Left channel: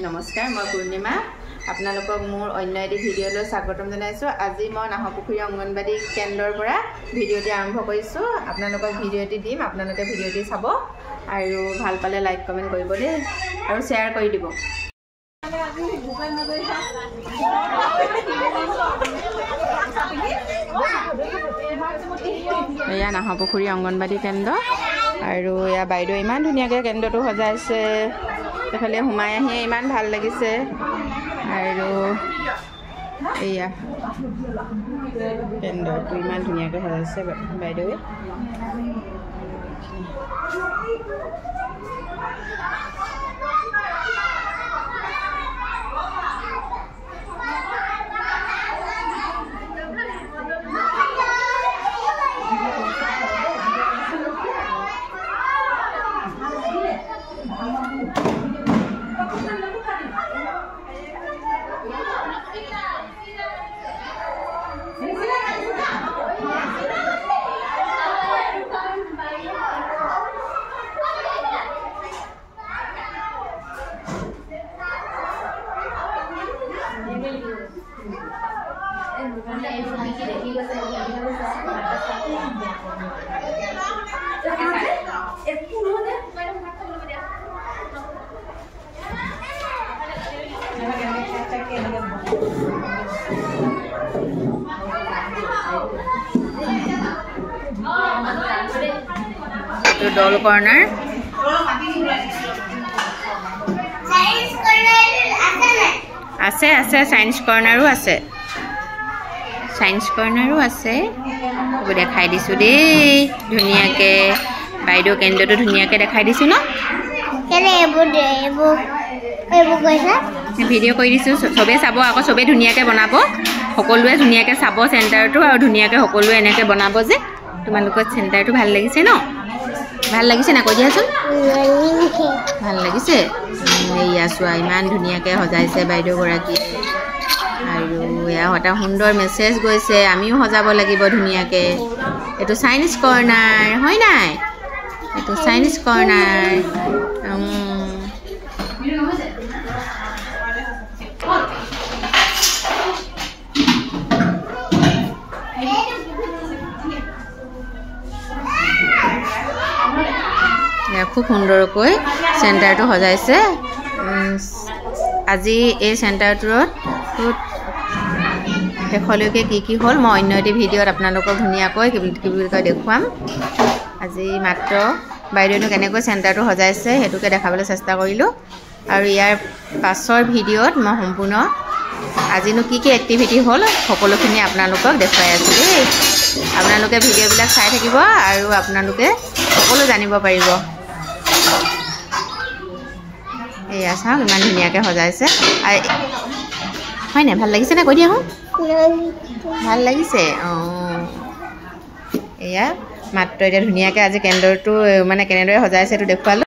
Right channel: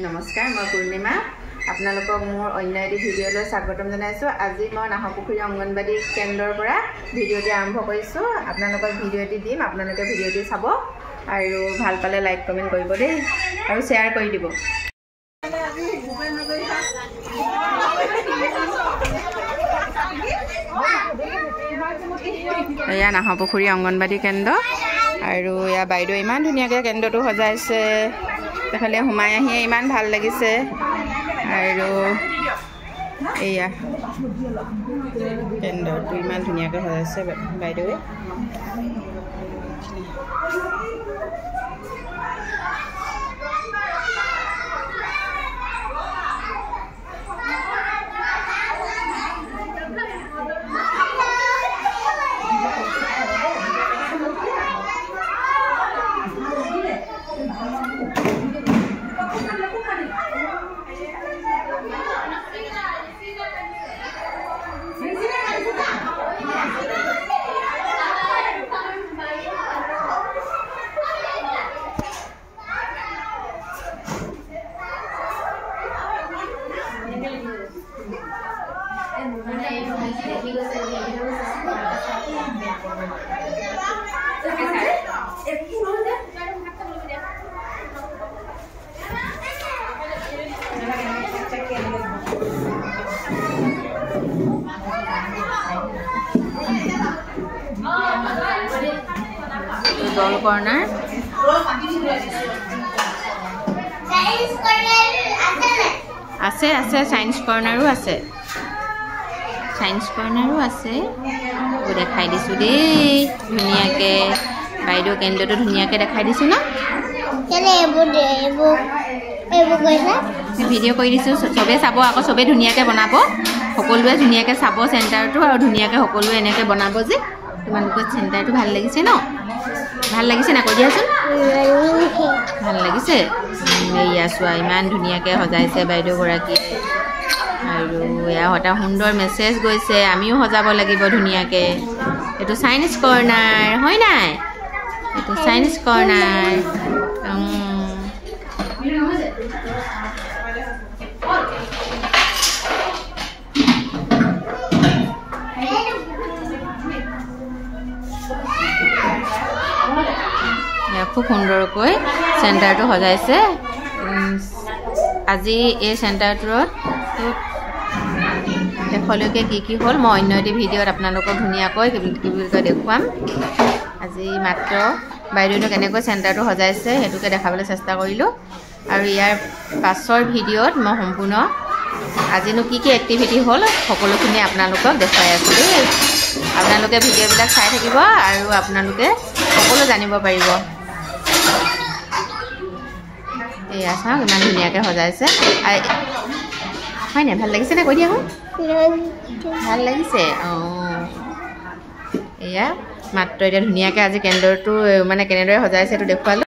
নমস্কাৰ, মই পূৰ্ণিমা। আপোনালোকক মোৰ অন্য এটি ভিডিঅ'লৈ স্বাগতম জনাইছোঁ। আজি মই নাহৰপুখুৰী অংগনবাড়ী কেন্দ্ৰৰ পৰা ভিডিঅ'টি আৰম্ভ কৰিছোঁ। আপোনালোকক ভিডিঅ'টি দিম, আপোনালোকে ভিডিঅ'টি চাব আৰু ভাল পালে লাইক কমেণ্ট কৰিব দেই আৰু শ্বেয়াৰ কৰি দিব। এয়া নাহৰপুখুৰী অংগনবাড়ী কেন্দ্ৰ আৰু এয়া বাইদেউ ইমান ধুনীয়াকৈ কেন্দ্ৰটো সজাইছে। এইফালে সোমাই আহিয়ে ইমান ভাল লাগিছে আৰু এয়া কেন্দ্ৰটো ইমান ধুনীয়াকৈ সজাইছে বাইদেৱে। ডল কৰ্ণাৰ আছে আছে সায়েন্স কৰ্ণাৰো আছে দেখাই দিছোঁ দেই ধুনীয়াকৈ। বাইদেউ কেন্দ্ৰটো ধুনীয়াকৈ দেখাই দিছোঁ ন। ভিডিঅ' কৰি দিছোঁ, চবেই চাব আকৌ, চবেই ধুনীয়াকৈ বনাব, সকলোৱে ধুনীয়াকৈ চাব চেণ্টাৰটো আৰু ধুনীয়াকৈ সকলোৱে এনেকৈ বনাব যে। তোমালোকৰ চেণ্টাৰটো ভাল লাগিছে ন? ভাল লাগিছে না? কৈ দিয়াচোন। ভাল লাগিছে। এয়া চোৱা ইমান ধুনীয়াকৈ সজাইছে বাইদেউগৰাকী আৰু এয়া এটা সুন্দৰ মেছেজ গৈছে, আমিও সজাব লাগিব ধুনীয়াকৈ। এইটো সায়েন্স কৰ্ণাৰ হয় নাই? এইটো সায়েন্স কৰ্ণাৰ। খুব সুন্দৰকৈ চেণ্টাৰটো সজাইছে। আজি এই চেণ্টাৰটোত শেষলৈকে কি হ'ল মই অন্য এটি ভিডিঅ'ত আপোনালোকক ধুনীয়াকৈ কি বুলি কয় দেখুৱাম। আজি মাত্ৰ বাইদেউনো কেনেকৈ চেণ্টাৰটো সজাইছে সেইটোকে দেখাবলৈ চেষ্টা কৰিলোঁ আৰু ইয়াৰ পাছৰ ভিডিঅ'ত মই সম্পূৰ্ণ আজিনো কি এক্টিভিটি হ'ল সকলোখিনি আপোনালোকক দেখুৱাই আছোঁ দেই। আপোনালোকে ভিডিঅ'বিলাক চাই থাকিব আৰু আপোনালোকে সকলো জানিব পাৰিব। এয়া চাওক ইমান ধুনীয়াকৈ সজাইছে হয় নাই? ভাল লাগিছে নে? কৈ দিয়া মোক। ভাল লাগিছে। এয়া মাত্ৰ এতিয়া ধুনীয়াকৈ আজি কেন্দ্ৰটো মানে কেনেদৰে সজাইছে এইটো দেখুৱালোঁ।